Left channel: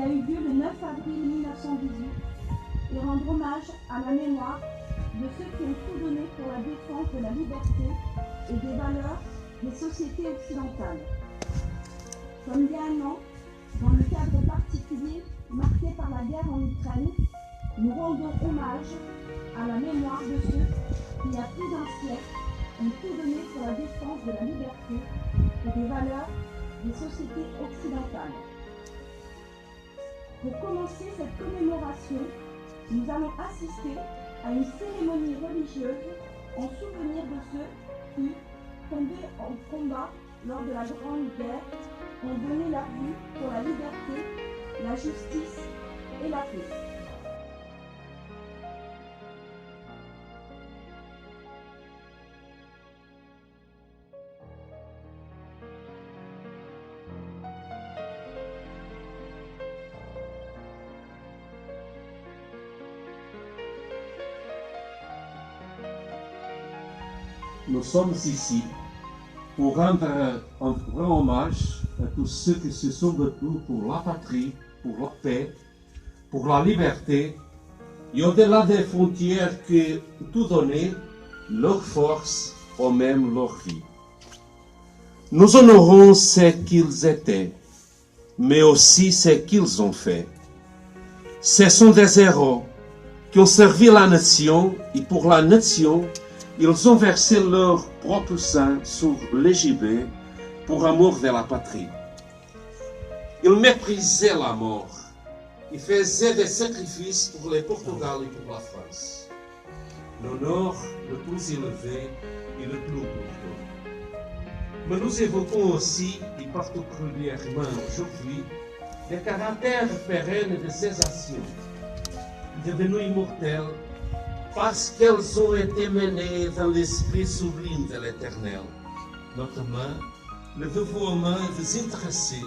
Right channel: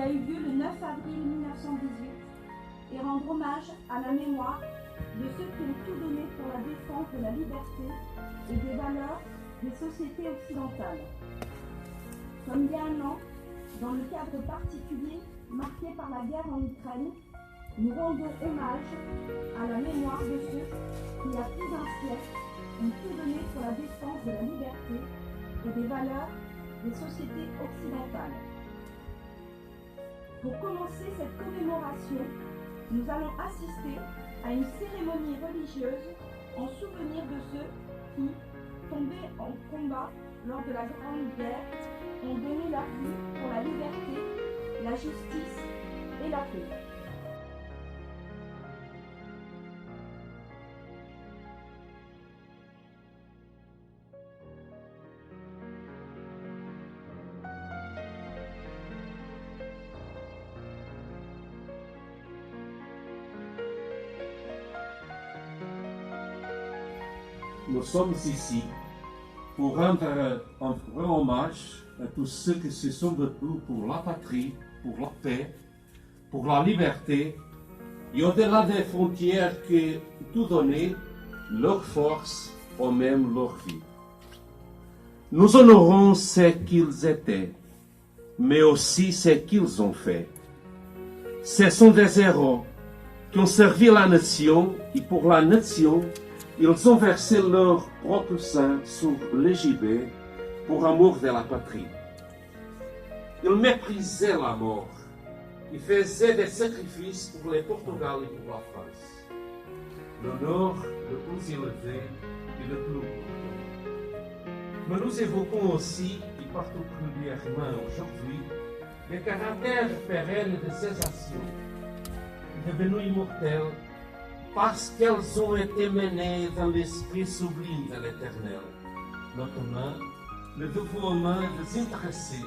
qui a eu lieu le 9 avril 1918 et rendre hommage à la mémoire de ceux qui ont tout donné pour la défense de la liberté et des valeurs des sociétés occidentales. Comme il y a un an, dans le cadre particulier marqué par la guerre en Ukraine, nous rendons hommage à la mémoire de ceux qui, il y a plus d'un siècle, ont tout donné pour la défense de la liberté et des valeurs des sociétés occidentales. Pour commencer cette commémoration, nous allons assister à une cérémonie religieuse en souvenir de ceux qui, tombés en combat lors de la Grande Guerre, ont donné leur vie pour la liberté, la justice et la paix. Nous sommes ici pour rendre un grand hommage à tous ceux qui se sont battus pour la patrie, pour la paix, pour la liberté, et au-delà des frontières qui ont tout donné, leur force ou même leur vie. Nous honorons ce qu'ils étaient, mais aussi ce qu'ils ont fait. Ce sont des héros qui ont servi la nation, et pour la nation, ils ont versé leur propre sang sur le gibet pour amour de la patrie. Ils méprisaient la mort. Ils faisaient des sacrifices pour le Portugal et pour la France. L'honneur le plus élevé et le plus important. Mais nous évoquons aussi, et particulièrement aujourd'hui, le caractère pérenne de ces actions, devenues immortelles, parce qu'elles ont été menées dans l'esprit sublime de l'Éternel, notamment le dévouement désintéressé,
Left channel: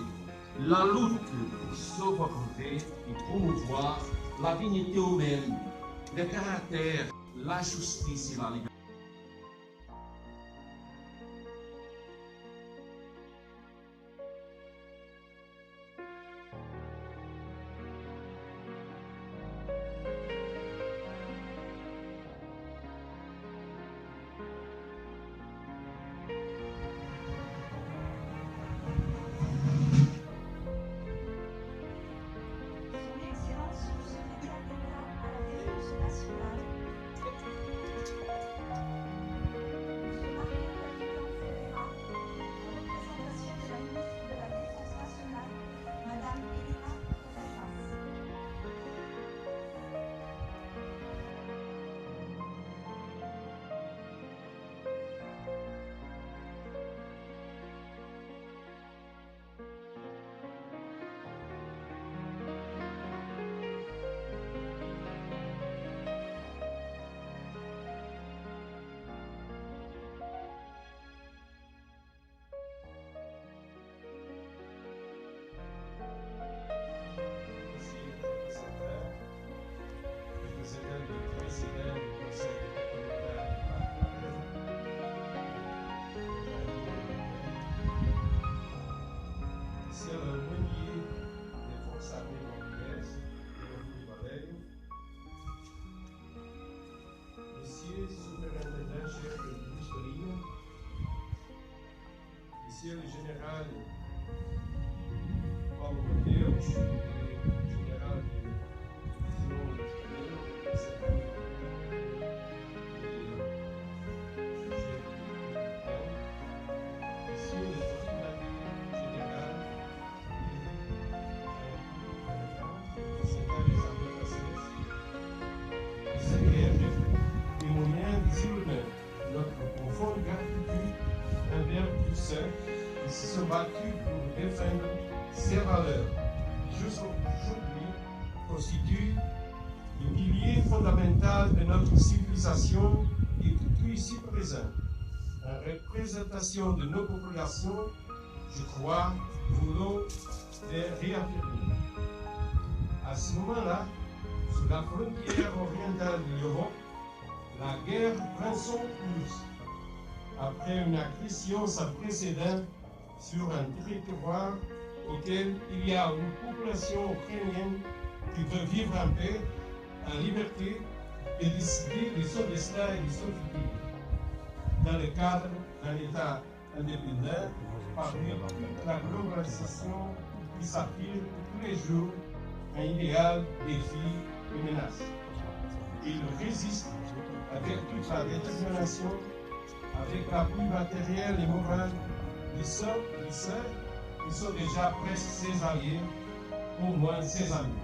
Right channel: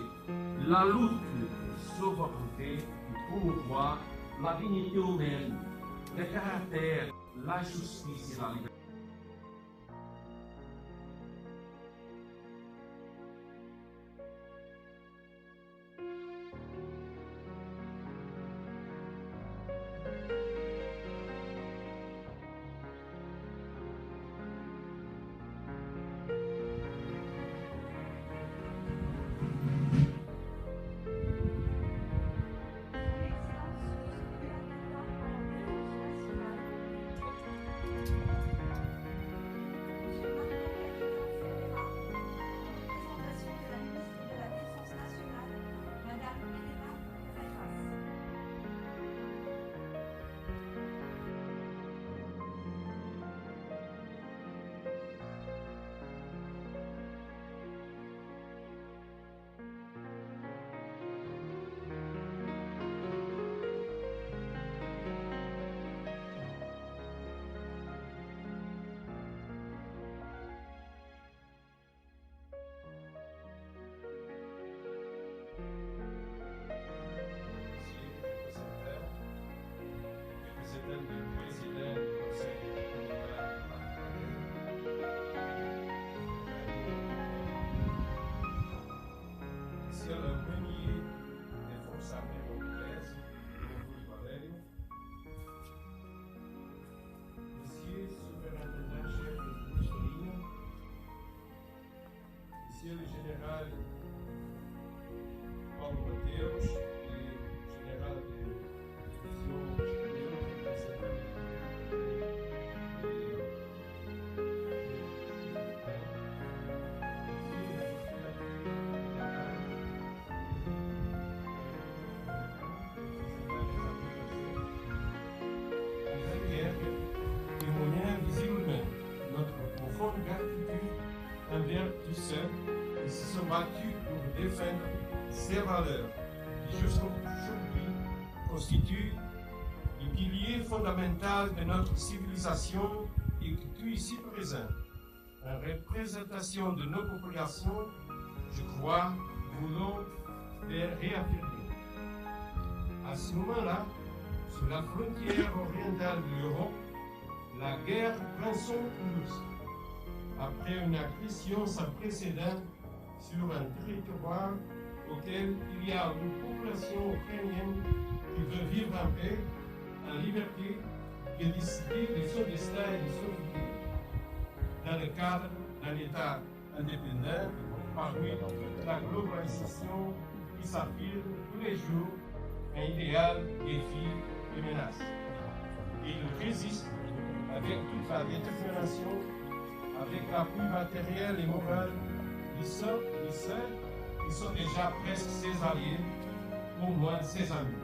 la lutte pour sauvegarder et promouvoir la dignité humaine, le caractère, la justice et la liberté. Monsieur le Premier des Forces armées portugaises, Rodrigo Valério, Monsieur le Superintendant-chef de Buscaria, Monsieur le Général Paulo Mateus, Général de Divisão Estadão, représentant visiblement notre profonde gratitude envers tous ceux qui se sont battus pour défendre ces valeurs qui jusqu'aujourd'hui constituent le pilier fondamental de notre civilisation et que tout ici présent, en représentation de nos populations, je crois, voulons les réaffirmer. À ce moment-là, sur la frontière orientale de l'Europe, la guerre prend son cours après une agression sans précédent sur un territoire auquel il y a une population ukrainienne qui veut vivre en paix, en liberté, et décider de son destin et de son futur, dans le cadre d'un État indépendant, parmi la globalisation qui s'affirme tous les jours, un idéal, défi et menace. Il résiste avec toute sa détermination, avec l'appui matériel et moral de ceux qui sont déjà presque ses alliés, au moins ses amis.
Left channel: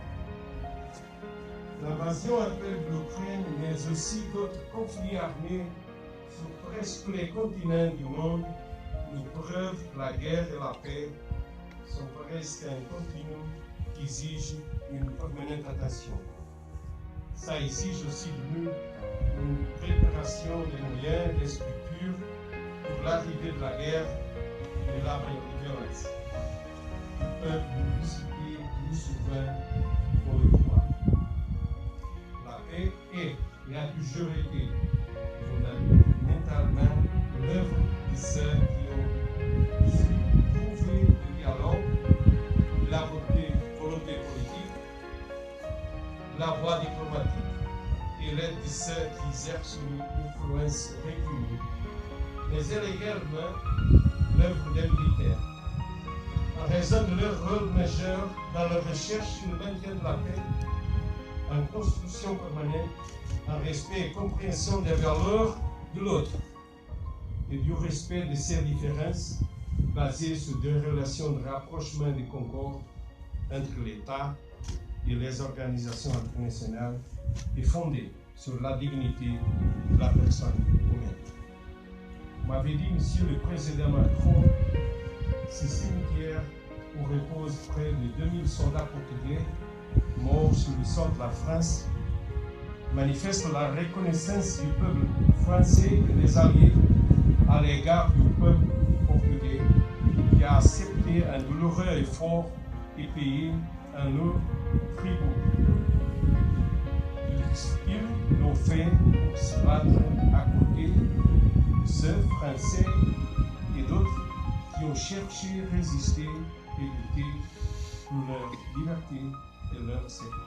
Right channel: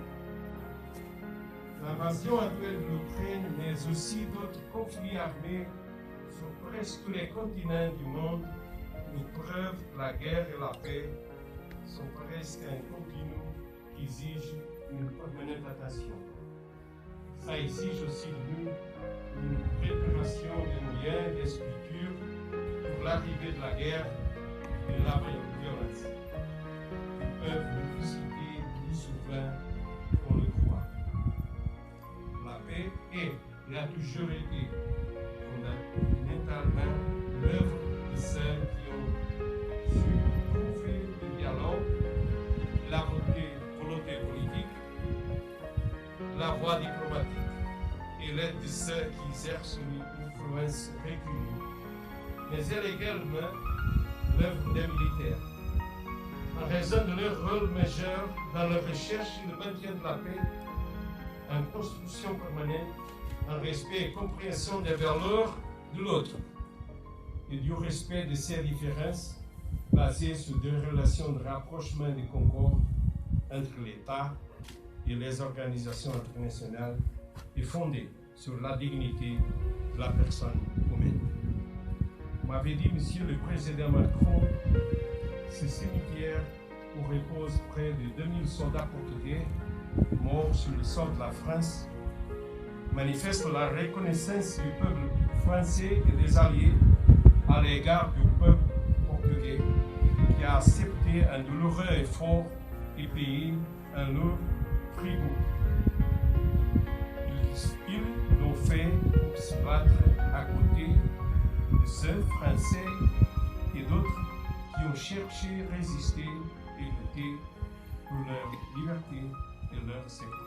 L'invasion actuelle de l'Ukraine, mais aussi d'autres conflits armés sur presque tous les continents du monde, nous prouvent que la guerre et la paix sont presque un continu qui exige une permanente attention. Ça exige aussi de nous une préparation des moyens et des structures pour l'arrivée de la guerre et de la violence. Ils peuvent nous discuter plus souvent qu'on le croit. La paix est et a toujours été fondamentalement l'œuvre de ceux qui ont su trouver le dialogue, la volonté politique, la voie diplomatique et l'aide de ceux qui exercent une influence reconnue. Mais elle est également l'œuvre des militaires, en raison de leur rôle majeur dans la recherche et le maintien de la paix, en construction permanente, en respect et compréhension des valeurs de l'autre et du respect de ses différences basées sur des relations de rapprochement et de concorde entre l'État et les organisations internationales et fondées sur la dignité de la personne humaine. Vous m'avez dit, Monsieur le Président Macron, ce cimetière où reposent près de 2000 soldats portugais morts sur le sol de la France manifeste la reconnaissance du peuple français et des alliés à l'égard du peuple portugais qui a accepté un douloureux effort et payé un lourd tribut. Ils l'ont fait pour se battre à côté de ceux Français et d'autres qui ont cherché, résisté et lutté pour leur liberté et leur sécurité.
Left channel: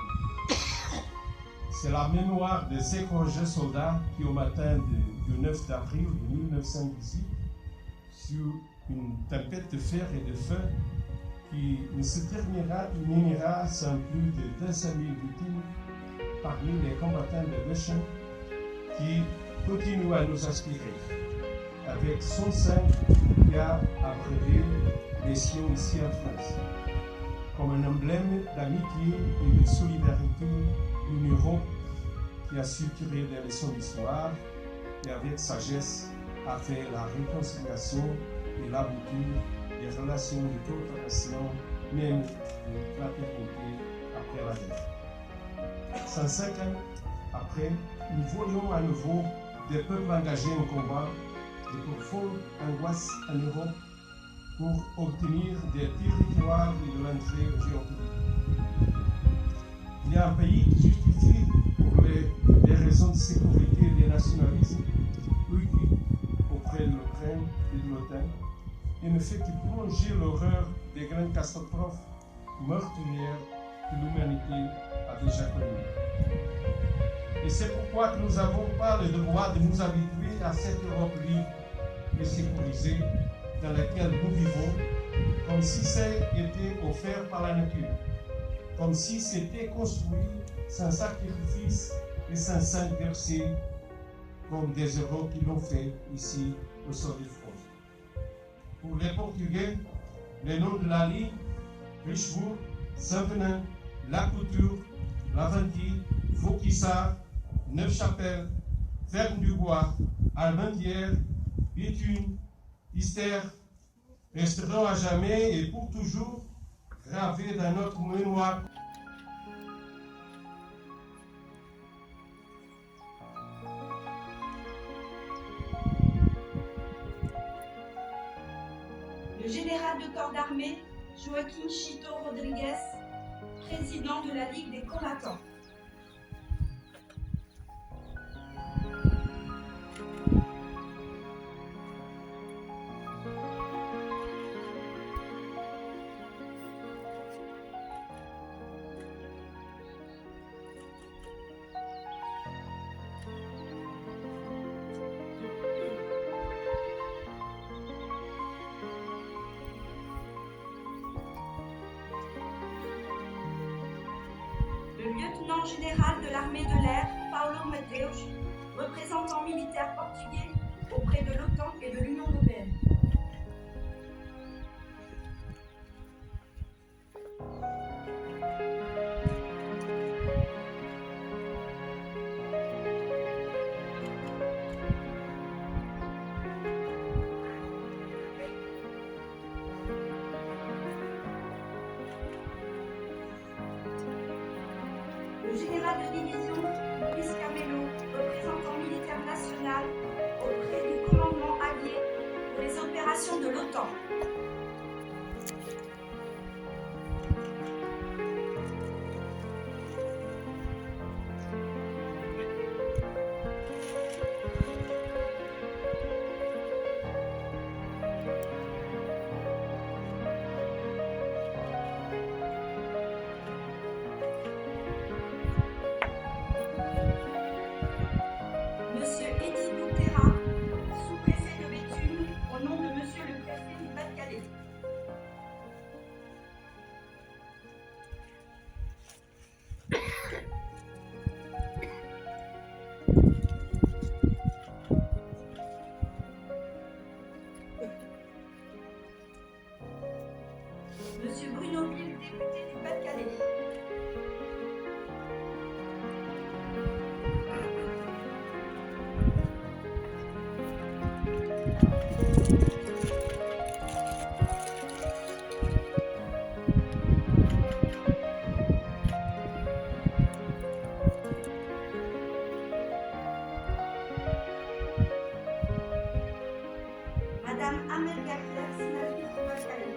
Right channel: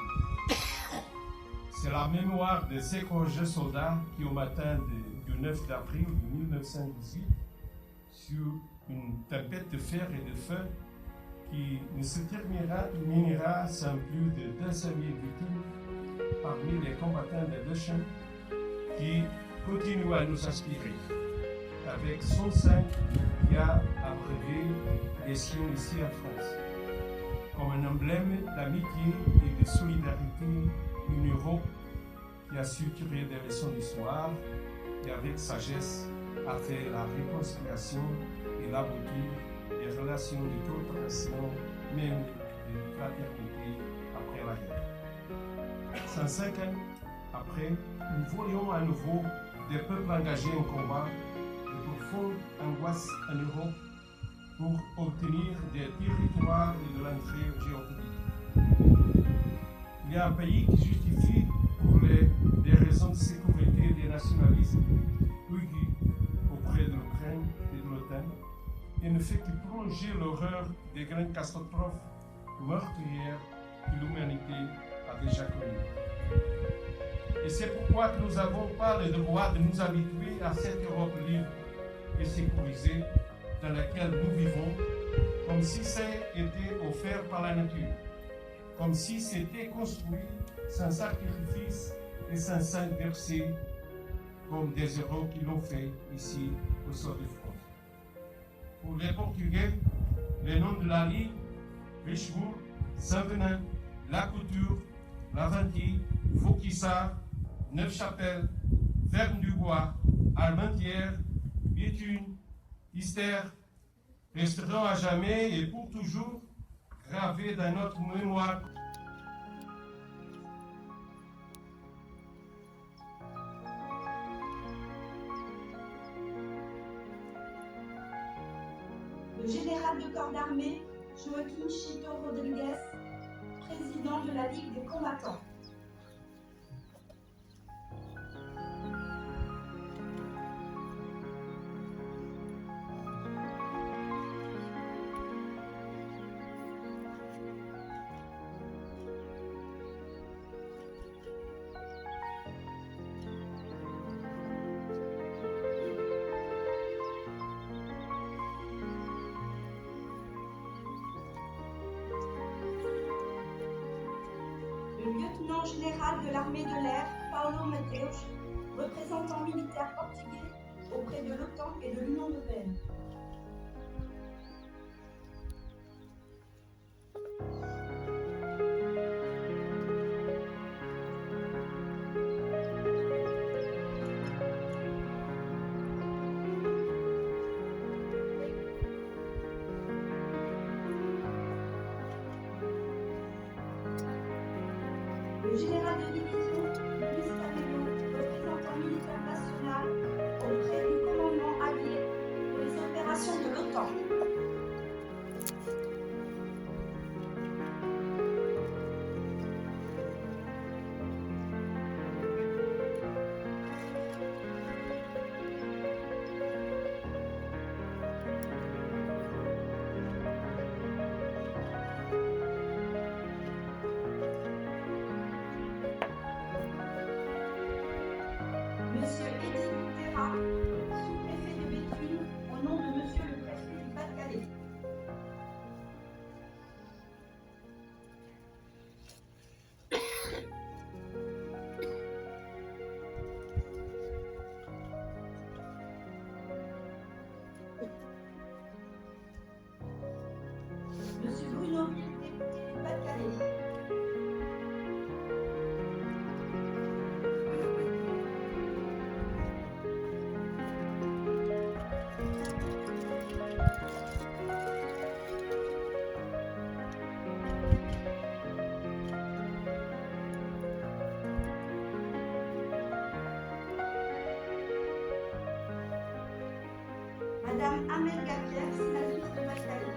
C'est la mémoire de ces courageux soldats qui, au matin du 9 avril 1918, sur une tempête de fer et de feu qui ne se terminera sans plus de 200 000 victimes parmi les combattants des deux champs qui continuent à nous inspirer, avec son sang qui a abreuvé les siens ici en France, comme un emblème d'amitié et de solidarité d'une Europe qui a su tirer des leçons d'histoire et avec sagesse a fait la réconciliation et l'aboutir des relations de coopération, même de fraternité après la guerre. 105 ans après, nous voyons à nouveau des peuples engagés en combat, de profondes angoisses en Europe pour obtenir des territoires et de l'entrée géopolitique. Il y a un pays qui justifie pour des raisons de sécurité et de nationalisme auprès de l'Ukraine et de l'OTAN et ne fait que prolonger l'horreur des grandes catastrophes meurtrières que l'humanité a déjà connues. Et c'est pourquoi que nous n'avons pas le devoir de nous habituer à cette Europe libre et sécurisée dans laquelle nous vivons, comme si c'était offert par la nature, comme si c'était construit sans sacrifice et sans sang versé, comme des héros qui l'ont fait ici au sol de France. Pour les Portugais, les noms de la Ligne, Richebourg, Saint-Venin, La Couture, Laventie, Vauquissart, Neufchâtel, Verne-du-Bois, Armentières, Béthune, Ister, resteront à jamais et pour toujours gravés dans notre mémoire. Le général de corps d'armée Joaquim Chito Rodrigues, président de la Ligue des combattants. lieutenant général de l'armée de l'air, Paulo Mateus, représentant militaire portugais auprès de l'OTAN et de l'Union européenne. Le général de division Luis Camelo, représentant militaire national auprès du commandement allié pour les opérations de l'OTAN. Monsieur Eddy Boutera, sous-préfet de Béthune, au nom de Monsieur le préfet du Pas-de-Calais. Monsieur Bruno Ville, député du Pas-de-Calais. Madame Amel Gapière, sénatrice du Pas-de-Calais.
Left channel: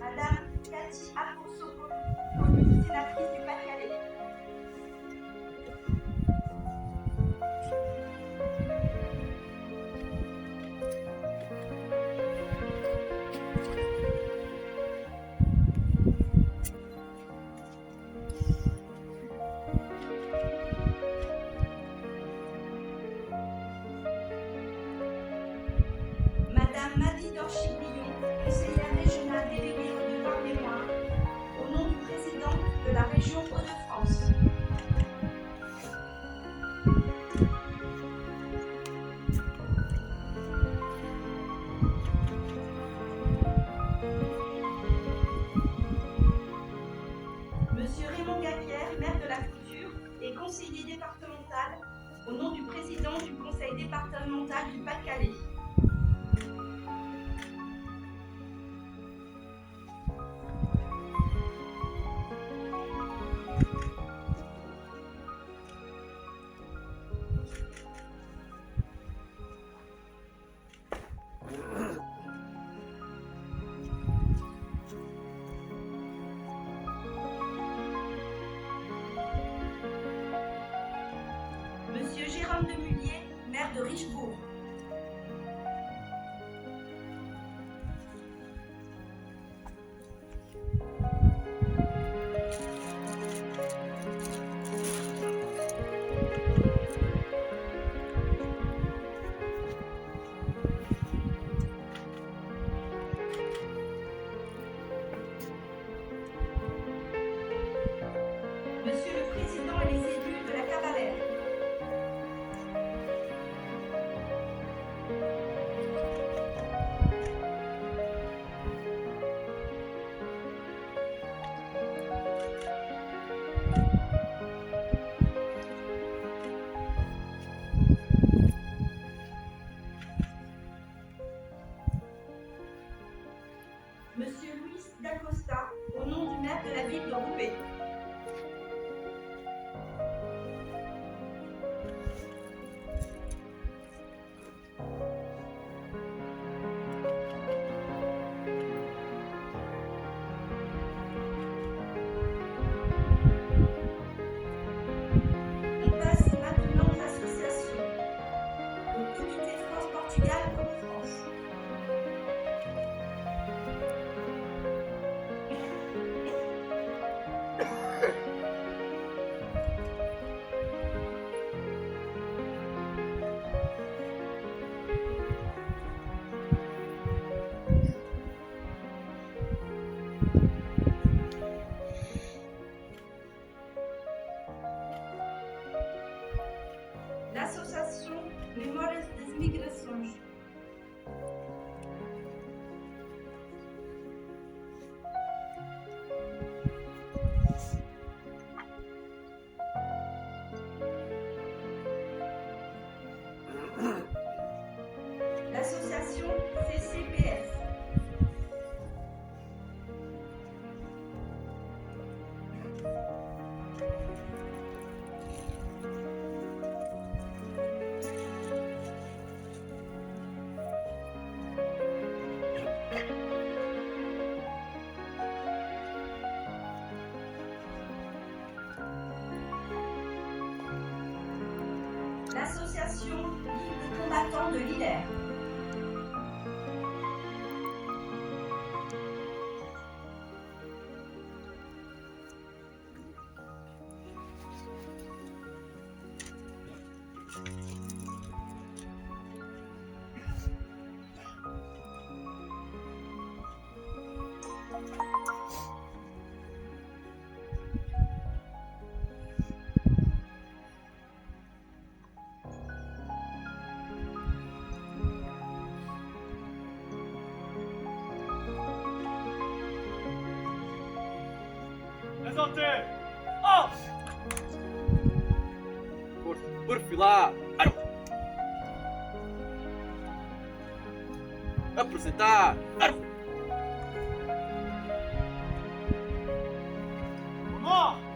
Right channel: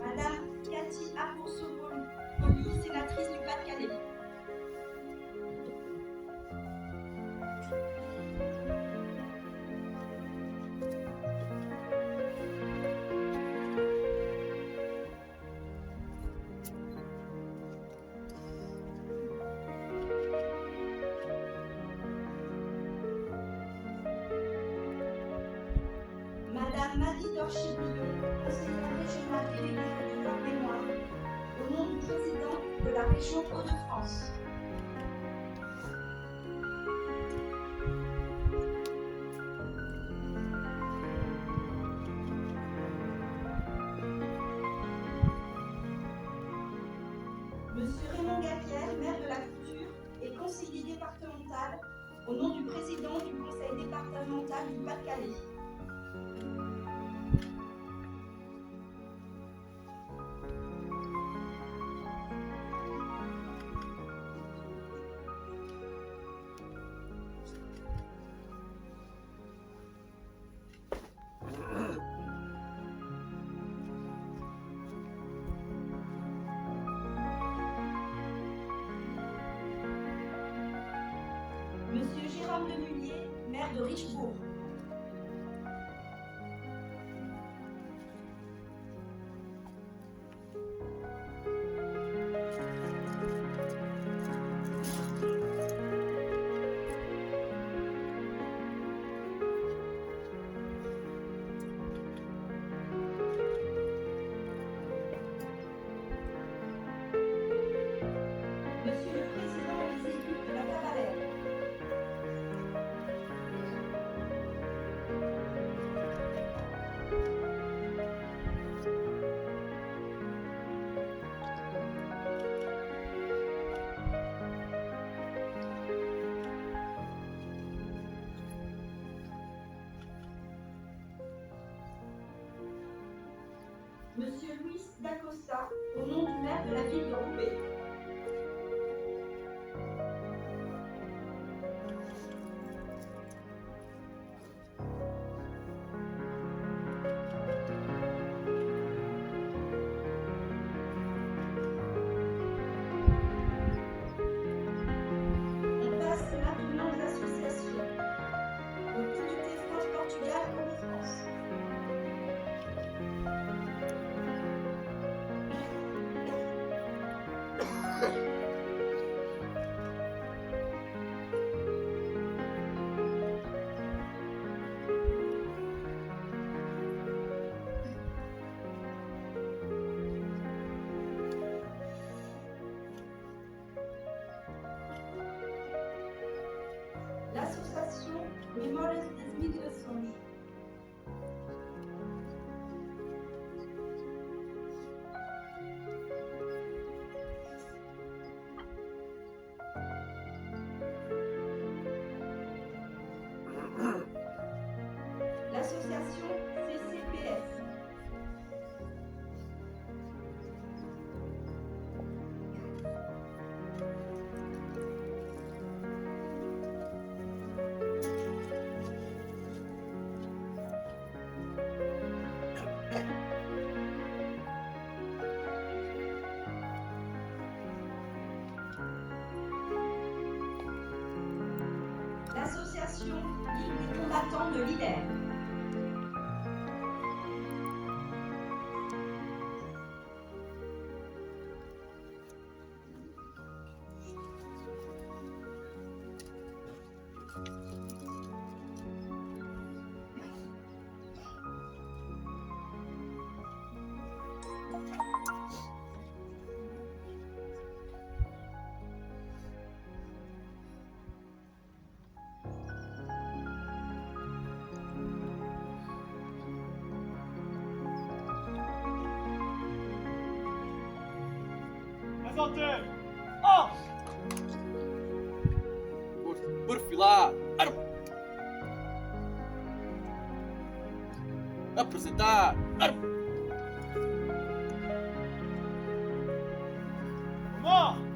Madame Cathy Apourceau-Poly, sénatrice du Pas-de-Calais. Madame Maddy Dorchiblillon, conseillère régionale déléguée au devoir mémoire, au nom du président de la région Hauts-de-France. Monsieur Raymond Gapière, maire de la Couture et conseiller départemental, au nom du président du conseil départemental du Pas-de-Calais. l'association Ligue des combattants de l'IDER. Por filar. Apresentar. Vamos!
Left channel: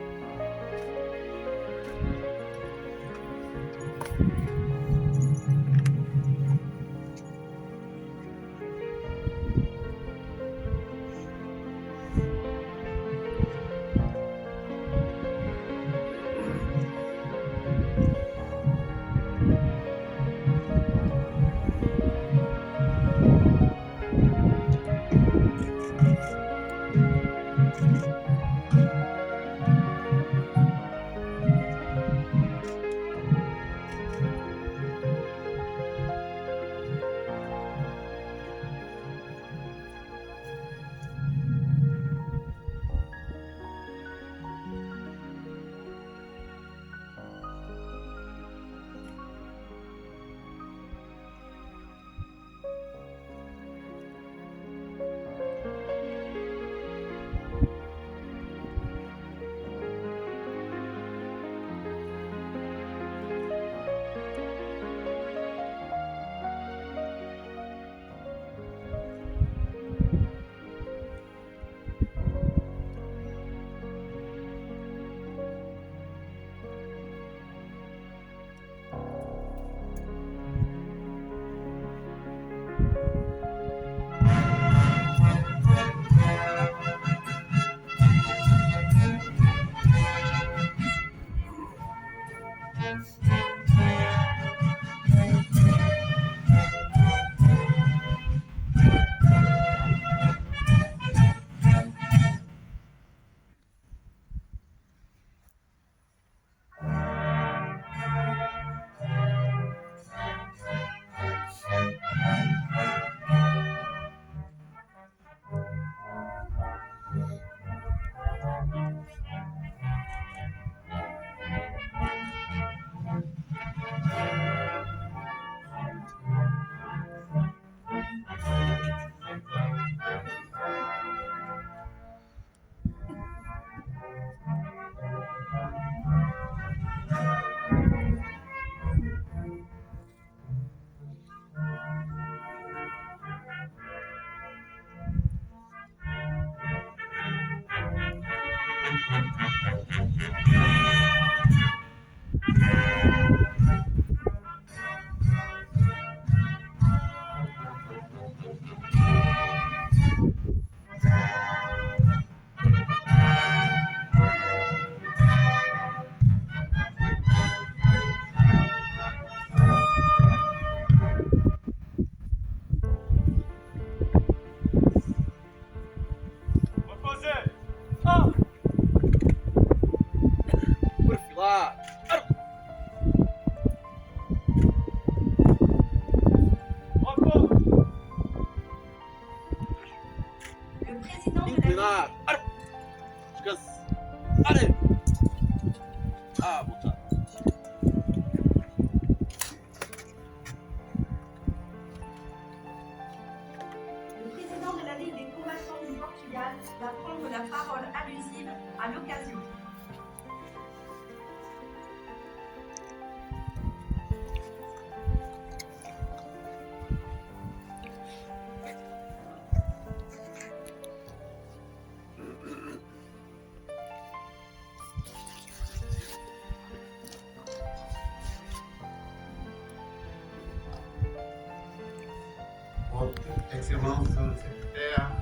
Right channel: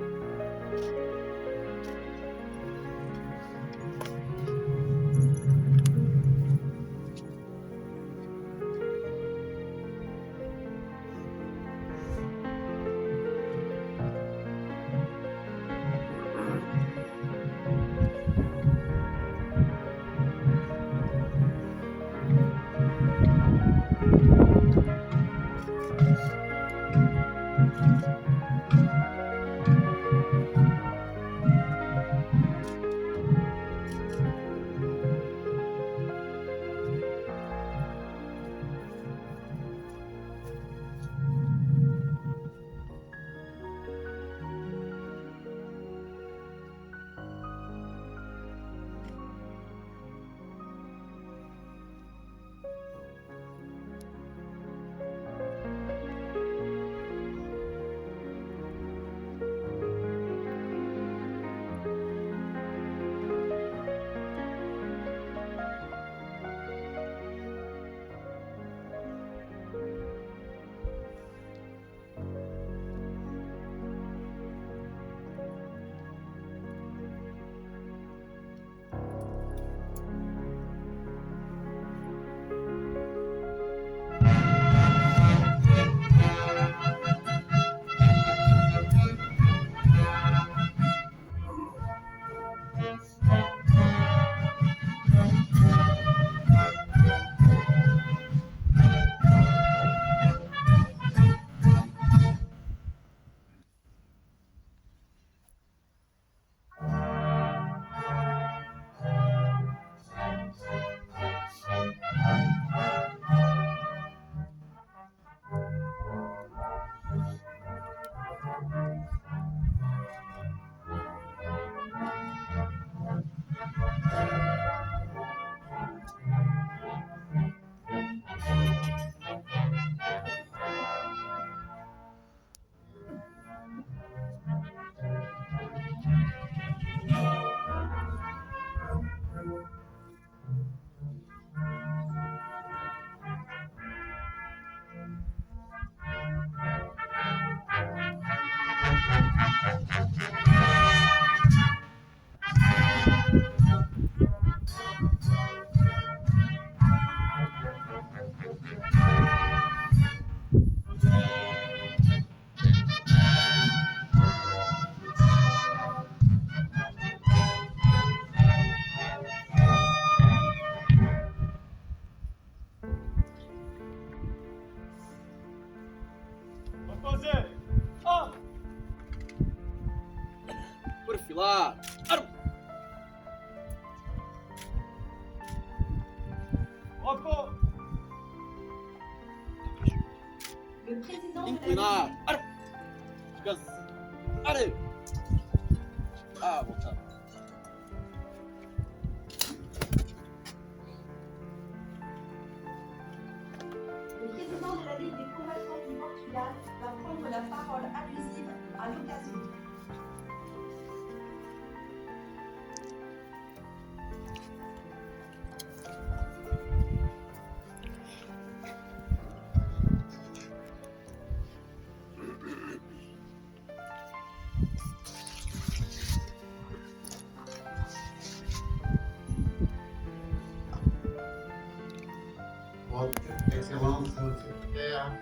Excellence do Secretário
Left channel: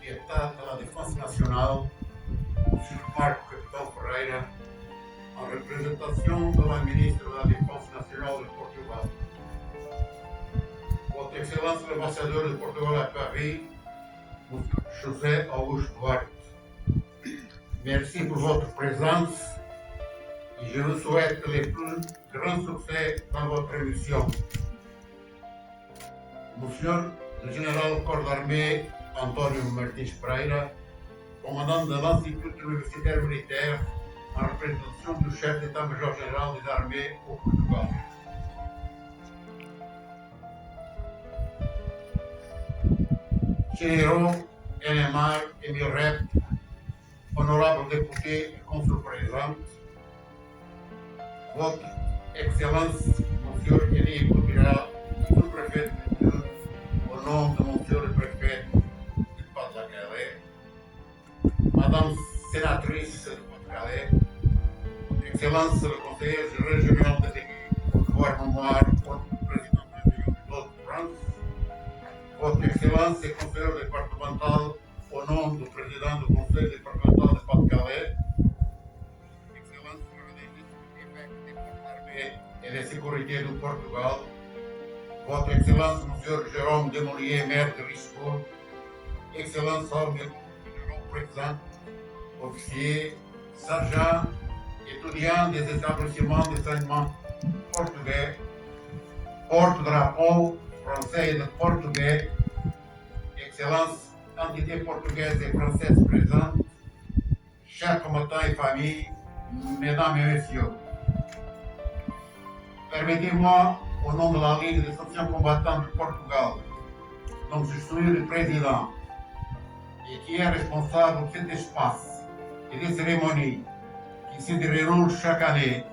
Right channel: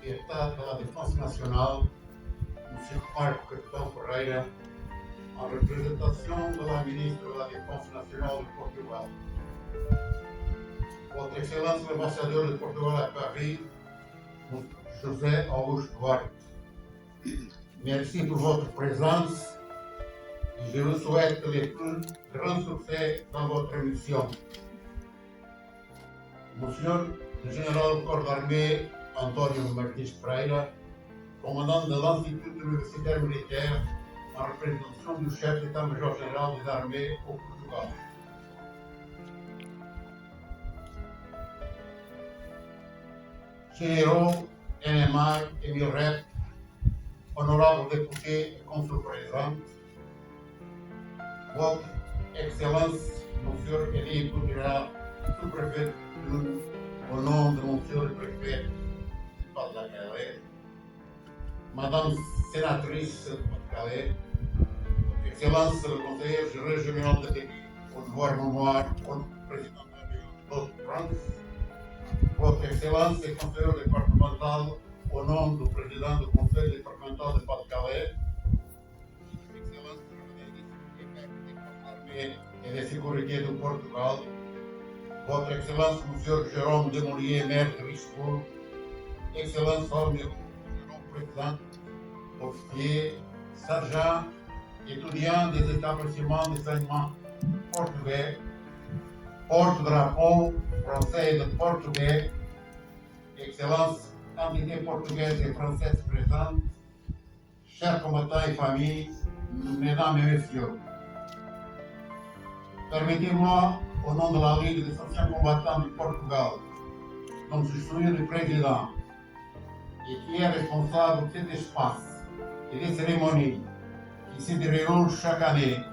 de Estado da Defesa Nacional, o Sr. Marco Capitão Ferreira, en représentation de la ministre de la Défense nationale du Portugal, Votre Excellence l'ambassadeur de Portugal à Paris, José Augusto Duarte. Merci pour votre présence et je vous souhaite les plus grands succès dans votre mission. Monsieur le général corps d'armée António Martins Pereira, commandant de l'Institut universitaire militaire en représentation du chef d'état-major général des armées au Portugal. Généraux, NMR et MIREP, honorables députés et consuls présents, Votre Excellence, Monsieur Elie Coutira, sous-préfet de Lune, au nom de Monsieur le préfet du Pas-de-la-Calais, Madame sénatrice de Pas-de-Calais, Excellence le conseiller général de l'Église, au gouvernement, au président de France, Votre Excellence et conseiller départemental, au nom du président du conseil départemental de Pas-de-Calais, Excellence le l'armée et la sécurité du Portugal, Votre Excellence Monsieur Jérôme Demolier, maire de Richebourg, Excellence généraux présents, officiers, sergents, étudiants des établissements d'enseignement portugais, porte-drapeau français et de portugais, Excellence, entités portugaises et françaises présentes, chers combattants et familles, mesdames et messieurs, permettez-moi, au nom de la Ligue des anciens combattants du Portugal, dont je suis le président et qui est responsable de cet espace et des cérémonies qui se déroulent chaque année,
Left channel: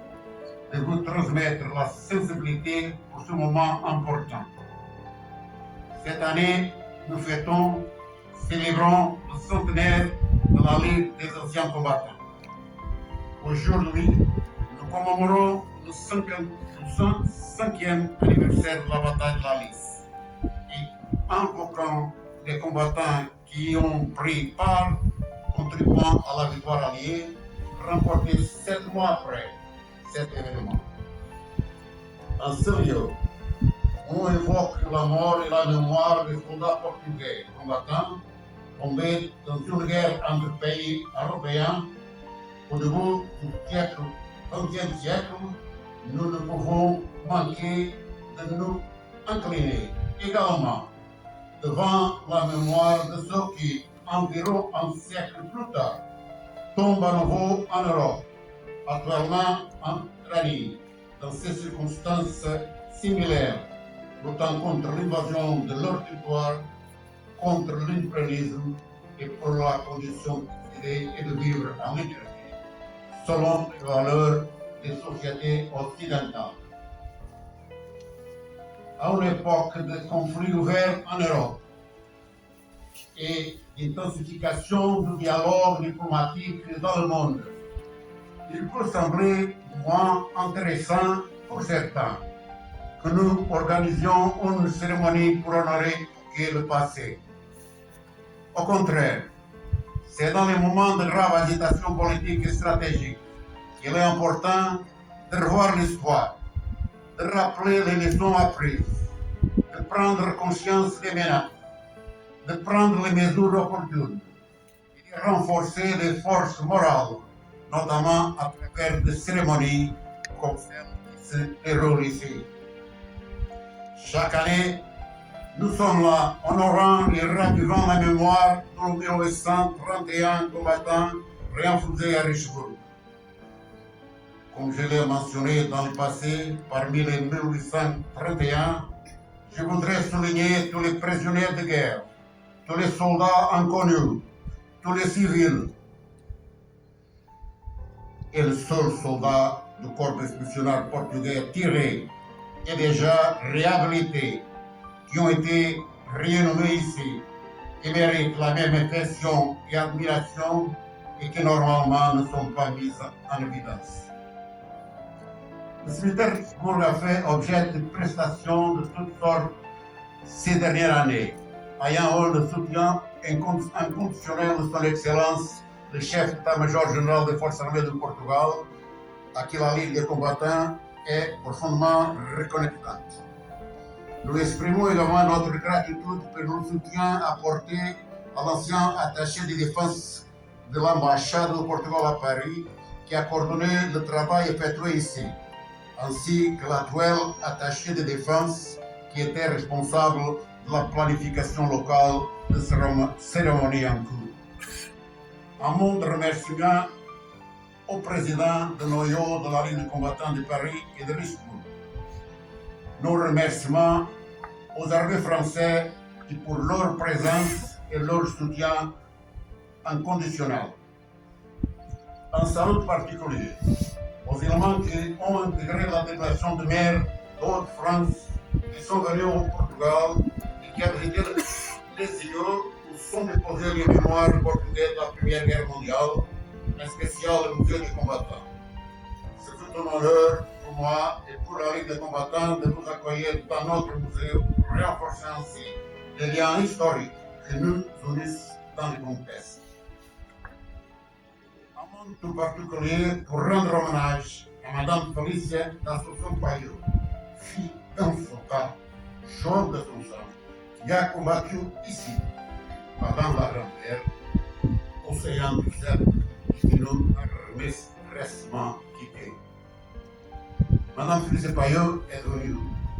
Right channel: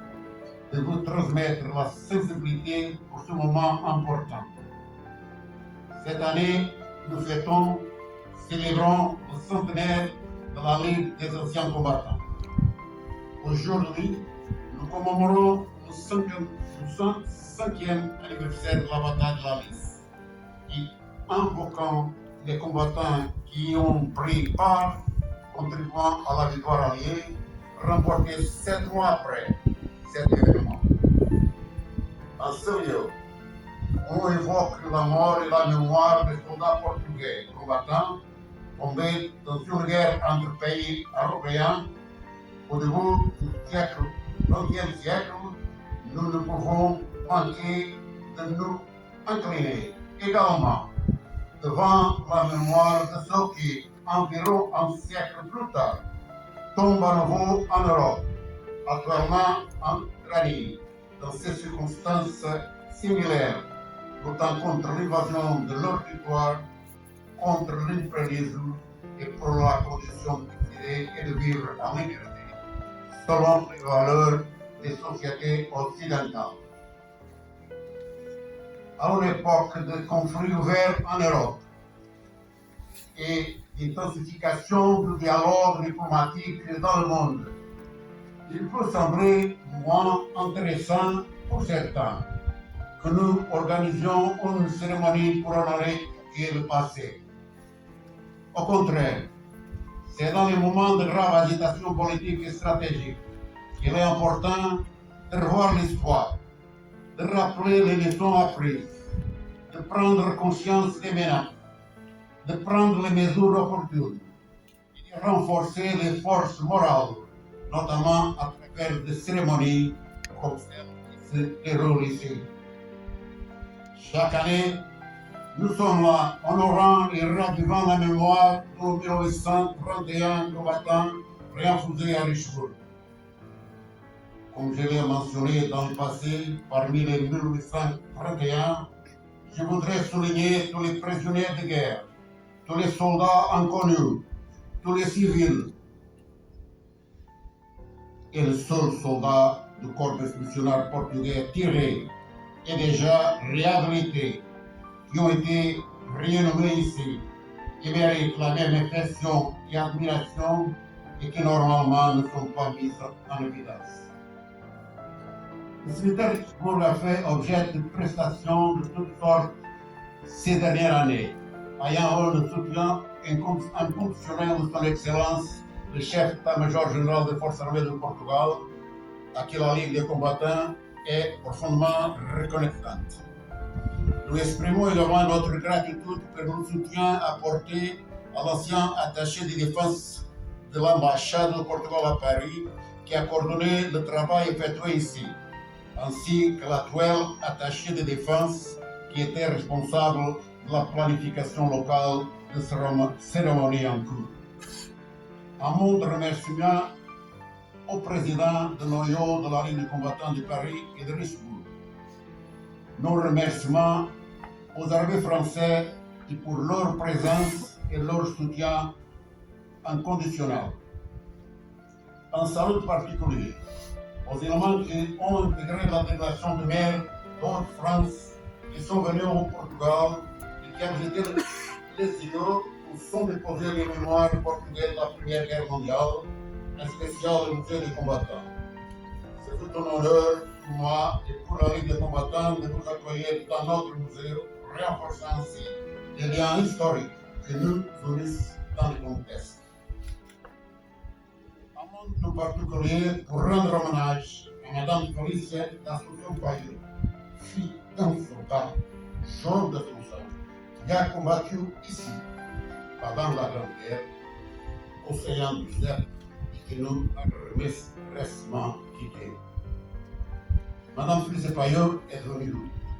de vous transmettre la sensibilité pour ce moment important. Cette année, nous célébrons le centenaire de la Ligue des anciens combattants. Aujourd'hui, nous commémorons le 105e anniversaire de la bataille de la Lys et invoquant les combattants qui ont pris part, contribuant à la victoire alliée, remportée 7 mois après cet événement. En ce lieu, on évoque la mort et la mémoire des soldats portugais combattants tombés dans une guerre entre pays européens au début du siècle, 20e siècle. Nous ne pouvons manquer de nous incliner également devant la mémoire de ceux qui, environ un siècle plus tard, tombent à nouveau en Europe, actuellement en Ukraine, dans ces circonstances similaires, luttant contre l'invasion de leur territoire, contre l'impérialisme et pour la condition d'exiler et de vivre en liberté, selon les valeurs des sociétés occidentales. À une époque de conflits ouverts en Europe et d'intensification du dialogue diplomatique dans le monde, il peut sembler moins intéressant pour certains que nous organisions une cérémonie pour honorer le passé. Au contraire, c'est dans les moments de grave agitation politique et stratégique qu'il est important de revoir l'espoir, de rappeler les leçons apprises, de prendre conscience des menaces, de prendre les mesures opportunes et de renforcer les forces morales, notamment à travers des cérémonies comme celle qui se déroule ici. Chaque année, nous sommes là, honorant et ravivant la mémoire de nos 1931 combattants réinfusés à Richebourg. Comme je l'ai mentionné dans le passé, parmi les 1831, je voudrais souligner tous les prisonniers de guerre, tous les soldats inconnus, tous les civils, et le seul soldat du corps expéditionnaire portugais tiré et déjà réhabilité, qui ont été renommés ici et méritent la même affection et admiration et qui normalement ne sont pas mises en évidence. Le cimetière de Richebourg a fait objet de prestations de toutes sortes ces dernières années, ayant eu le soutien inconditionnel de son Excellence, le chef d'état-major général des forces armées du Portugal, à qui la Ligue des combattants est profondément reconnaissante. Nous exprimons également notre gratitude pour le soutien apporté à l'ancien attaché de défense de l'ambassade du Portugal à Paris, qui a coordonné le travail effectué ici, ainsi que l'actuel attaché de défense qui était responsable de la planification locale de cérémonie en cours. Un mot de remerciement au président de noyau de la Ligue des combattants de Paris et de Richebourg. Nos remerciements aux armées françaises pour leur présence et leur soutien inconditionnel. Un salut particulier aux éléments qui ont intégré la délégation de maire de Haute-France qui sont venus au Portugal et qui ont visité les îlots où sont déposés les mémoires portugais de la Première Guerre mondiale, en spécial le musée des combattants. C'est tout un honneur pour moi et pour la Ligue des combattants de vous accueillir dans notre musée, renforçant ainsi les liens historiques que nous unissent dans le contexte. Un monde tout particulier pour rendre hommage à Madame Felicia d'Assomption Payot, fille d'un soldat, jaune de son sang, qui a combattu ici, pendant la Grande Guerre, océan du Sel, qui nous a récemment quittés. Madame Felicia Payot est devenue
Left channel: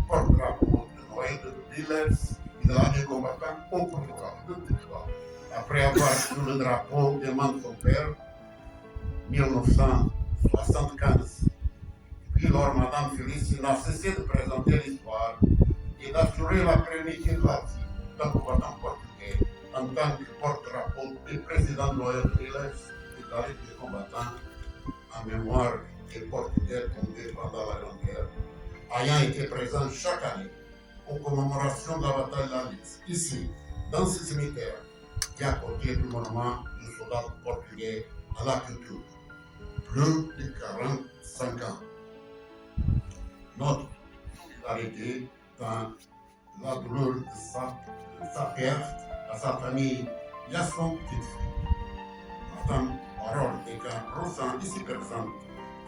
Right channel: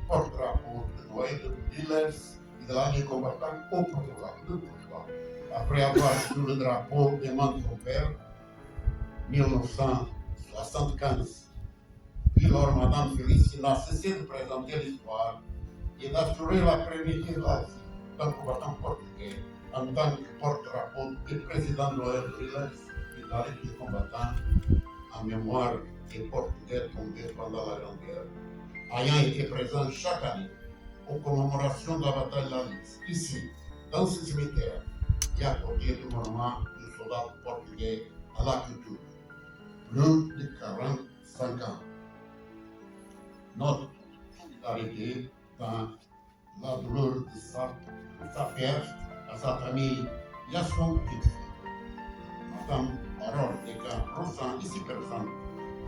porte-drapeau de Noël de Dealers et de la Ligue des combattants au Portugal, après avoir sous le drapeau des mains de son père, 1975. Puis lors, Madame Felicia n'a cessé de présenter l'histoire et d'assurer la pérennité de la vie d'un combattant portugais en tant que porte-drapeau du président de l'OR de Dealers et de la Ligue des combattants en mémoire des Portugais tombés pendant la Grande Guerre, ayant été présent chaque année aux commémorations de la bataille de la Lys, ici, dans ce cimetière, qui est à côté du monument du soldat portugais à la culture. Plus de 45 ans. Notre solidarité dans la douleur de sa perte à sa famille et à son petit-fils. Madame Parole et Jean Rossan, ici présente,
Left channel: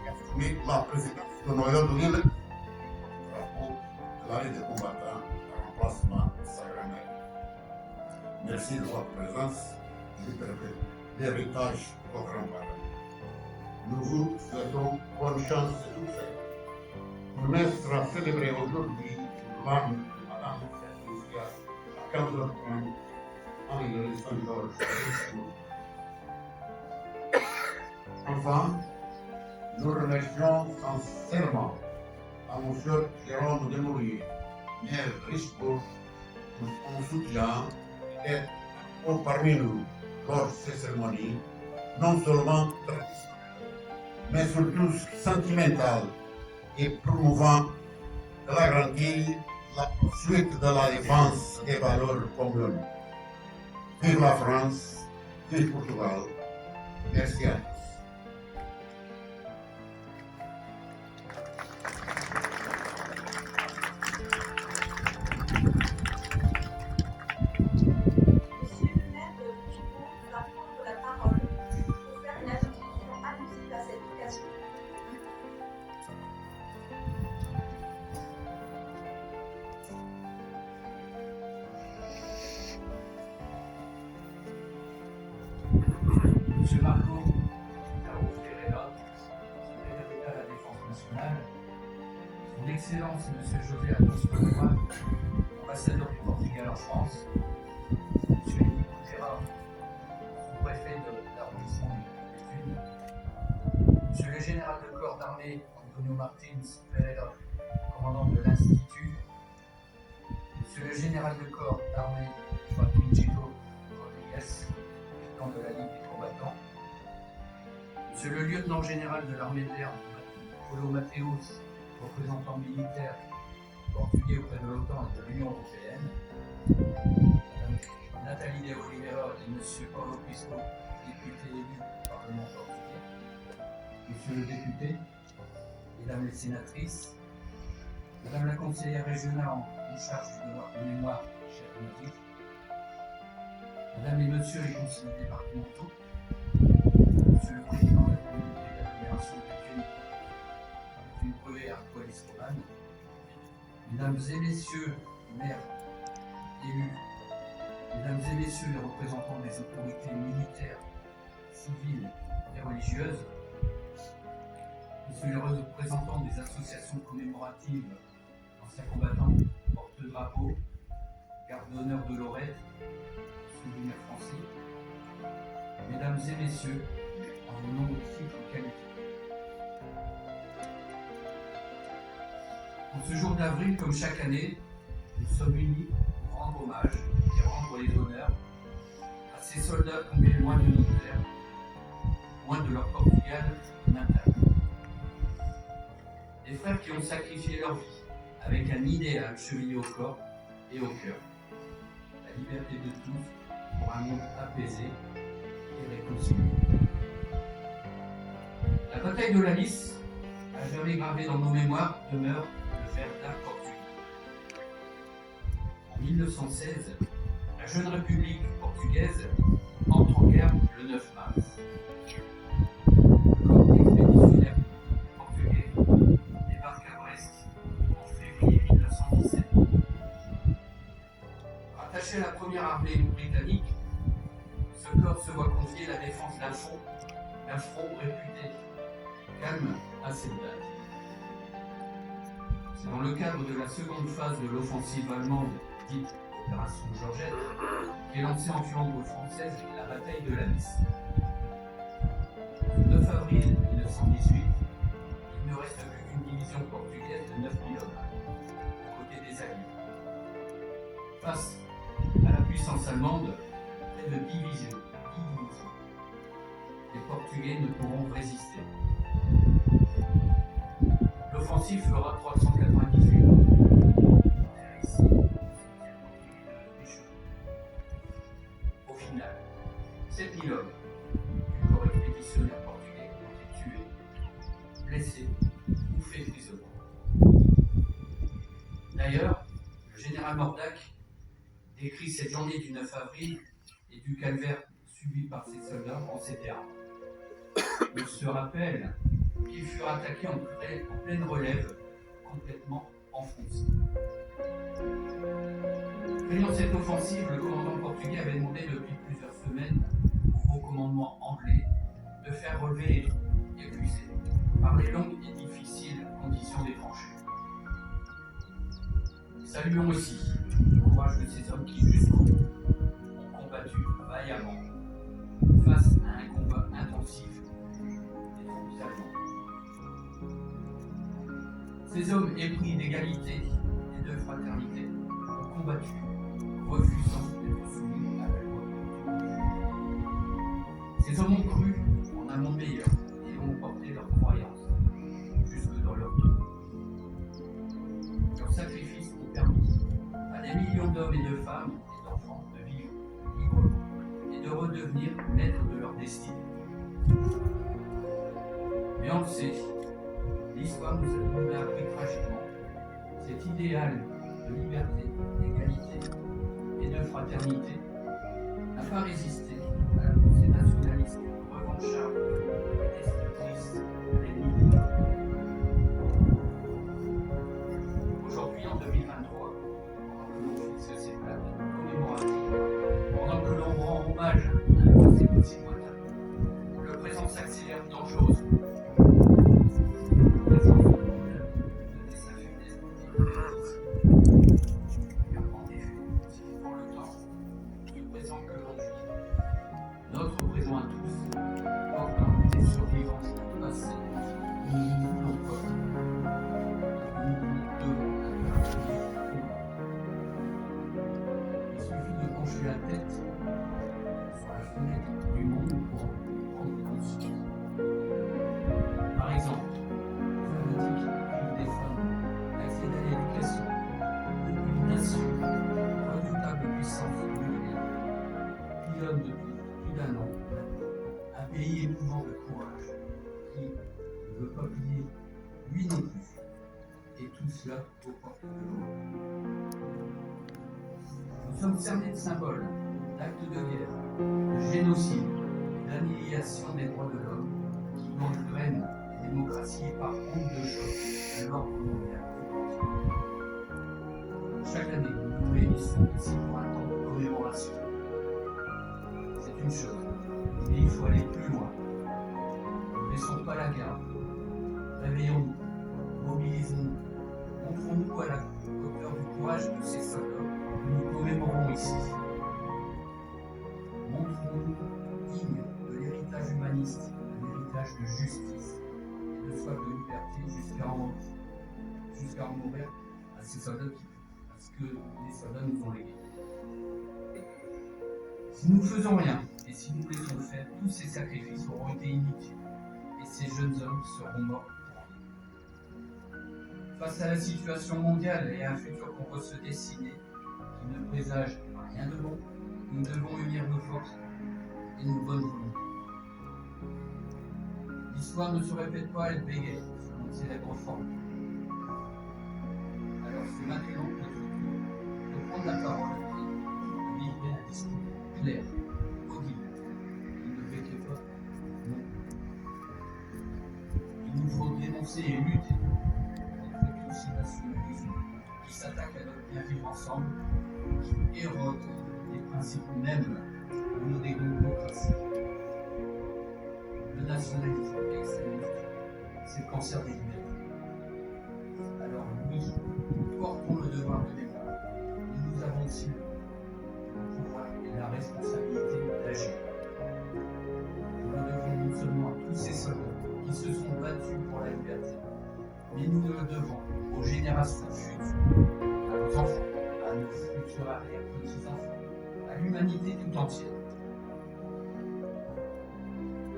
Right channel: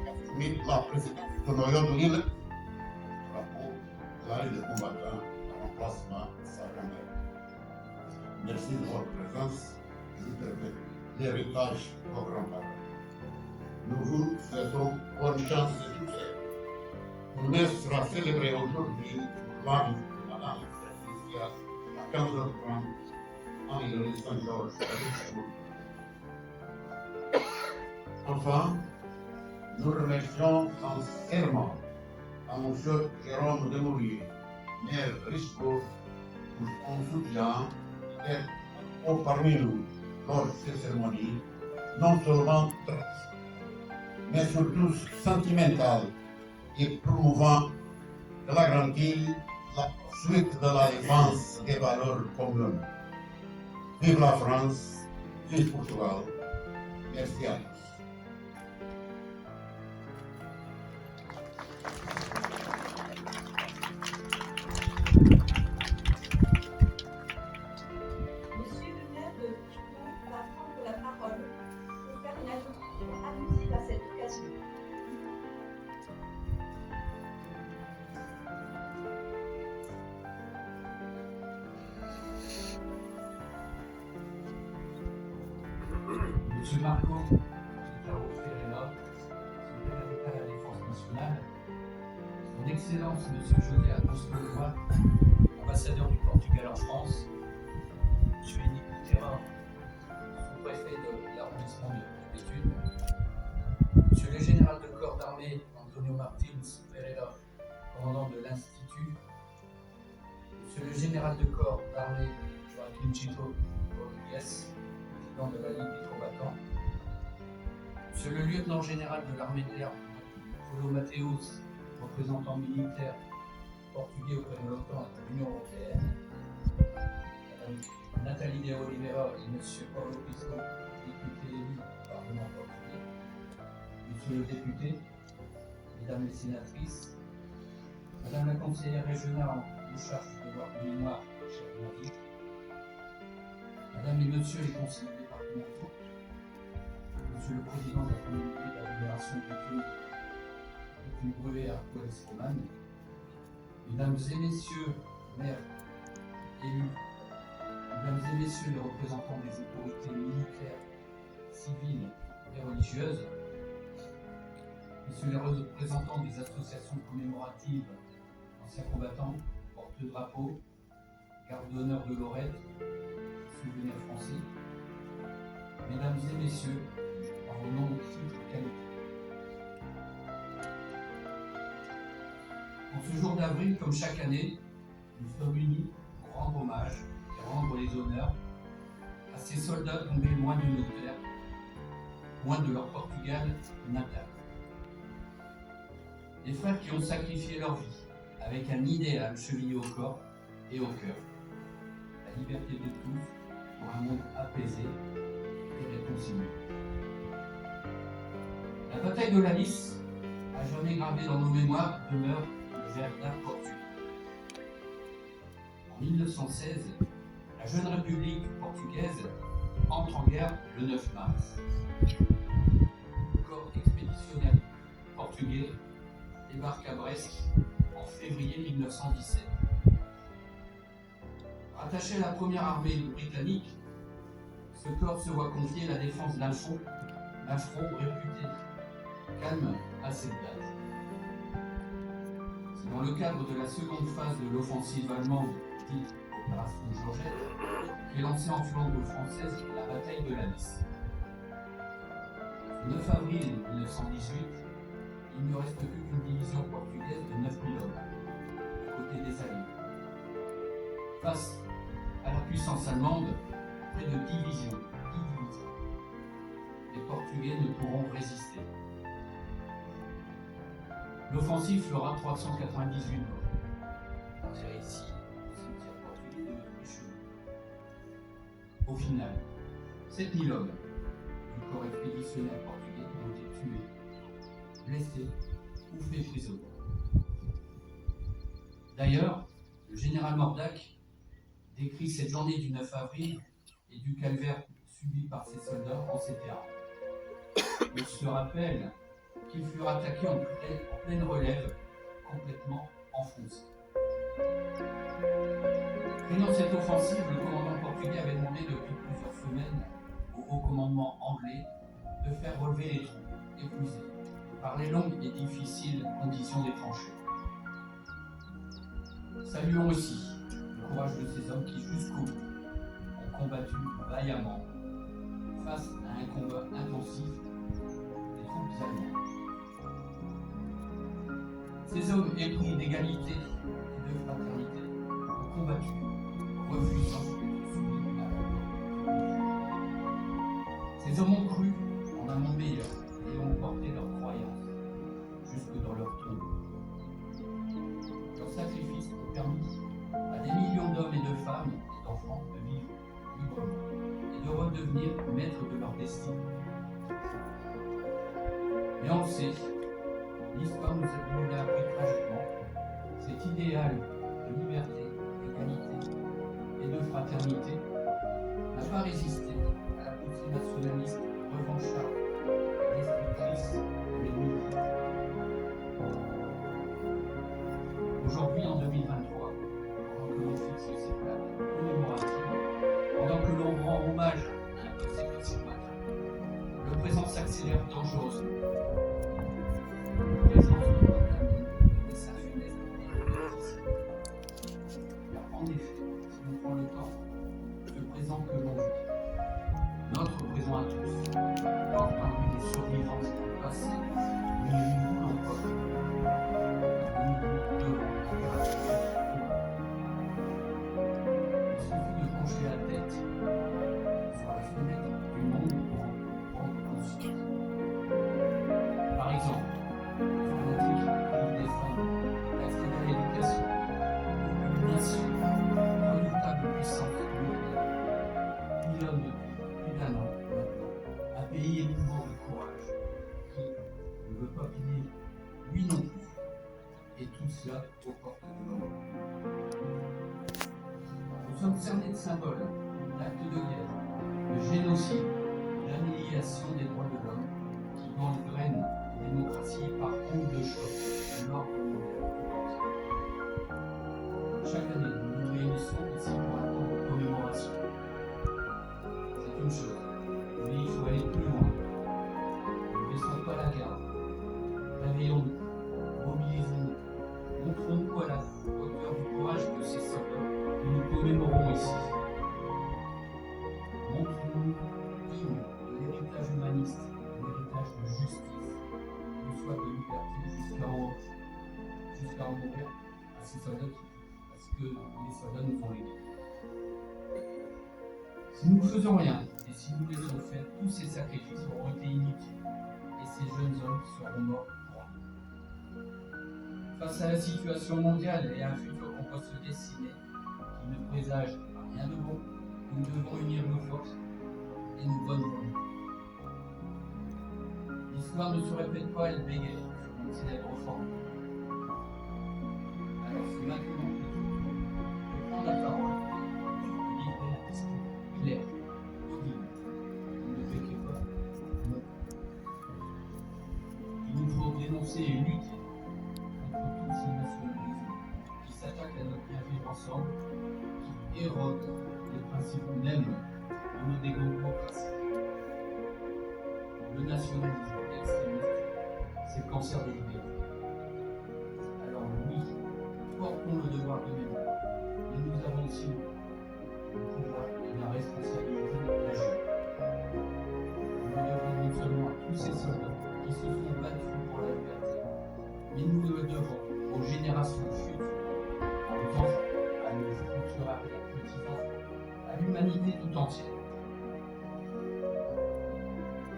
a assumé la présidence de noyau de l'île, drapeau de la Ligue des combattants en remplacement de sa grand-mère. Merci de votre présence et vous permettez l'héritage de vos grands-parents. Nous vous souhaitons bonne chance et succès. Le messe sera célébré aujourd'hui pour l'âme de Madame Felicia à 15h30 en l'église Saint-Georges de Richebourg. Enfin, nous remercions sincèrement à M. Jérôme Desmouriers, maire de Richebourg, pour son soutien d'être parmi nous lors de ces cérémonies, non seulement traditionnelles, mais surtout sentimentales et promouvant de la garantie la poursuite de la défense des valeurs communes. Vive la France, vive Portugal. Merci à tous. Monsieur le maire de Richebourg va prendre la parole pour faire une introduction allusive à cette occasion. Monsieur Marco Caro Ferreira, secrétaire d'État à la Défense nationale, Son Excellence Monsieur José Agosto, ambassadeur du Portugal en France, Monsieur Eddie Couterra, sous-préfet de l'arrondissement d'études, Monsieur le général de corps d'armée Antonio Martins Pereira, commandant de l'Institut, Monsieur le général de corps d'armée Joaquim Chito Rodrigues, président de la Ligue des combattants, Monsieur le lieutenant général de l'armée de l'air Paulo Mateus, représentant militaire portugais auprès de l'OTAN et de l'Union européenne, Madame Nathalie de Oliveira et Monsieur Paulo Pisco, député élu au Parlement portugais, Monsieur le député, Mesdames les sénatrices, Madame la conseillère régionale en charge du devoir de mémoire, chère Nadir, Madame et Monsieur les conseillers départementaux, Monsieur le Président de la communauté d'agglomération d'études une brûlée arqualis romane. Mesdames et messieurs, maires, élus, mesdames et messieurs les représentants des autorités militaires, civiles et religieuses, messieurs les représentants des associations commémoratives, anciens combattants, porte-drapeaux, garde d'honneur de Lorette, souvenirs français, mesdames et messieurs, en vos noms de titres qualifiés. En ce jour d'avril, comme chaque année, nous sommes unis pour rendre hommage et rendre les honneurs à ces soldats tombés loin de nos terres, loin de leur Portugal natal. Des frères qui ont sacrifié leur vie avec un idéal chevillé au corps et au cœur. La liberté de tous pour un monde apaisé et réconcilié. La bataille de la Lys, à jamais gravée dans nos mémoires, demeure le ver d'art portugais. En 1916, la jeune République portugaise entre en guerre le 9 mars. Le corps expéditionnaire portugais débarque à Brest en février 1917. Rattaché à la première armée britannique, ce corps se voit confier la défense d'un front réputé calme à cette date. C'est dans le cadre de la seconde phase de l'offensive allemande, dite Opération Georgette, qu'est lancée en Flandre française la bataille de la Lys. Le 9 avril 1918, il ne reste plus qu'une division portugaise de 9000 hommes, du côté des Alliés. Face à la puissance allemande, près de 10 divisions. Les Portugais ne pourront résister. L'offensive fera 398 morts. C'est ici le cimetière portugais de Richelieu. Au final, 7000 hommes du corps expéditionnaire portugais ont été tués, blessés ou faits prisonniers. D'ailleurs, le général Mordac décrit cette journée du 9 avril et du calvaire subi par ses soldats en ces termes. Il se rappelle qu'ils furent attaqués en pleine relève, complètement enfoncés. Craignant cette offensive, le commandant portugais avait demandé depuis plusieurs semaines au haut commandement anglais de faire relever les troupes épuisées par les longues et difficiles conditions des tranchées. Saluons aussi le courage de ces hommes qui, jusqu'au bout, ont combattu vaillamment face à un combat intensif des troupes allemandes. Ces hommes épris d'égalité et de fraternité ont combattu, refusant d'être soumis à la loi. Ces hommes ont cru en un monde meilleur et ont porté leur croyance jusque dans leur tombe. Leurs sacrifices ont permis à des millions d'hommes et de femmes et d'enfants de vivre librement et de redevenir maîtres de leur destin. Mais on le sait, l'histoire nous a appris tragiquement cet idéal de liberté, d'égalité et de fraternité n'a pas résisté à la poussée nationaliste, revancharde et destructrice de l'ennemi. Aujourd'hui, en 2023, pendant que l'on fixe ces plaques commémoratives, pendant que l'on rend hommage à un passé aussi lointain, le présent s'accélère dangereusement. Car en effet, si on prend le temps, ce présent que l'on vit, notre présent à tous, portant des survivances du passé, nous ne voulons pas, nous devons impérativement. Il suffit de pencher la tête sur la fenêtre du monde pour en prendre conscience. Par exemple, les fanatiques privent des femmes d'accès à l'éducation, une nation, redoutable puissance nucléaire, pilote depuis plus d'un an, un pays éprouvant de courage, qui ne veut pas plier, lui non plus, et tout cela aux portes de l'Europe. Nous sommes cernés de symboles, d'actes de guerre, de génocide, d'annihilation des droits de l'homme, qui gangrènent les démocraties par honte de choc. ici pour un temps de commémoration. C'est une chose, mais il faut aller plus loin. Ne baissons pas la garde. Réveillons-nous, mobilisons-nous, montrons-nous à la hauteur du courage de ces soldats que nous commémorons ici. Montrons-nous dignes de l'héritage humaniste, de l'héritage de justice, de soif de liberté jusqu'à en mourir à ces soldats parce que les soldats nous ont légués. Si nous ne faisons rien, et si nous laissons faire, tous ces sacrifices auront été inutiles, et ces jeunes hommes seront morts pour rien. Face à la situation mondiale et à un futur qu'on peut se dessiner, qui ne présage rien de bon, nous devons unir nos forces et nos bonnes volontés. L'histoire ne se répète pas, elle bégaye sur une célèbre formule. Alors c'est maintenant de prendre la parole et de livrer un discours clair, audible, qui ne fait que pas non. Il nous faut dénoncer et lutter contre tous ces nationalismes qui s'attaquent à notre bien vivre ensemble, qui érodent les principes mêmes de nos démocraties. Le nationalisme extrémiste, c'est le cancer des libertés. Alors oui, nous portons le devoir de mémoire, mais nous avons aussi le pouvoir et la responsabilité d'agir. Nous le devons non seulement à tous ces soldats qui se sont battus pour la liberté, mais nous le devons aux générations futures, à nos enfants, à nos futurs arrière-petits-enfants, à l'humanité tout entière.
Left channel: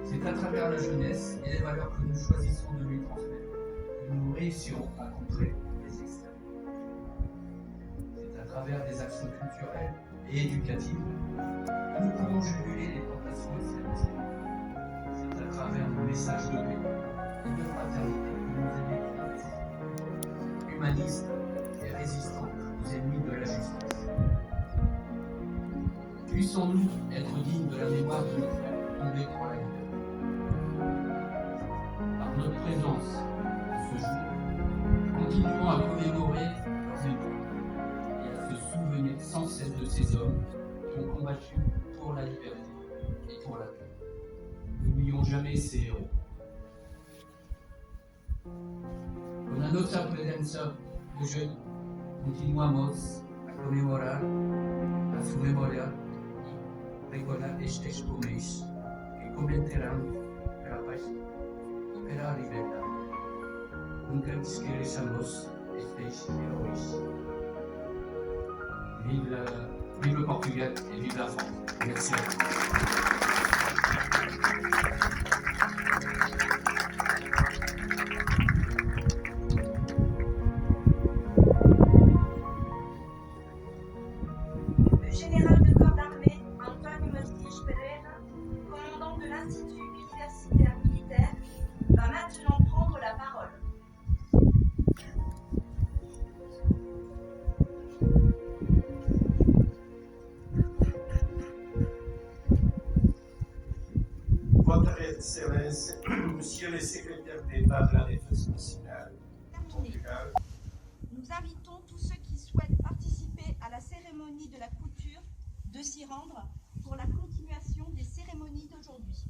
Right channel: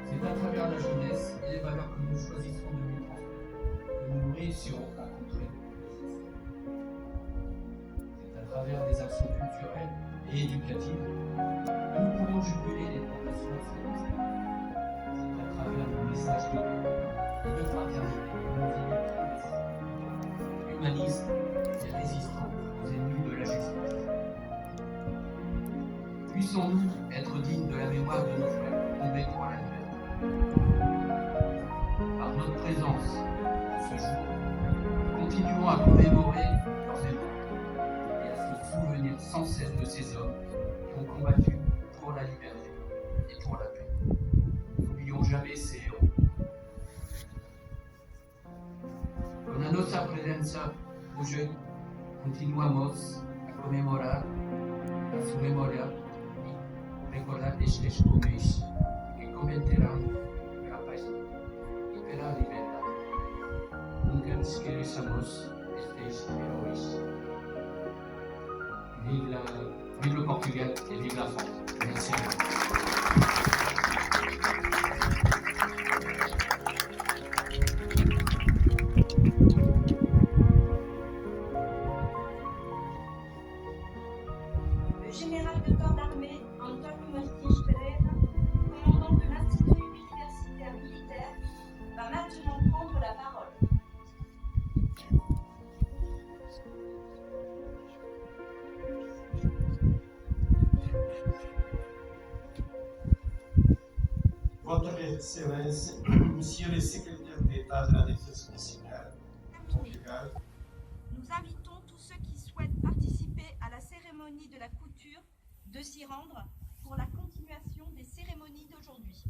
C'est à travers la jeunesse et les valeurs que nous choisissons de lui transmettre que nous réussirons à contrer les extrêmes. C'est à travers des actions culturelles et éducatives que nous pourrons juguler les tendations extrémistes. C'est à travers nos messages de paix et de fraternité que nous éduquerons humanistes et résistants aux ennemis de la justice. Puissons-nous être dignes de la mémoire de nos frères tombés pour la liberté. Par notre présence ce jour, continuons à commémorer leurs mémoires et à se souvenir sans cesse de ces hommes qui ont combattu pour la liberté et pour la paix. N'oublions jamais ces héros. Con la nostra presenza oggi continuamos a commemorar la su memoria y recordar estes homens que combaterán per la paz y per la libertad. Nunca esqueçamos estes heróis. Vive le Portugal et vive la France. Merci. Le général de corps d'armée António Mastis Pereira, commandant de l'Institut universitaire militaire, va maintenant prendre la parole. Votre Excellence, Monsieur le secrétaire d'État de la Défense nationale, Portugal, Nous invitons tous ceux qui souhaitent participer à la cérémonie de la couture de s'y rendre pour la continuation des cérémonies d'aujourd'hui.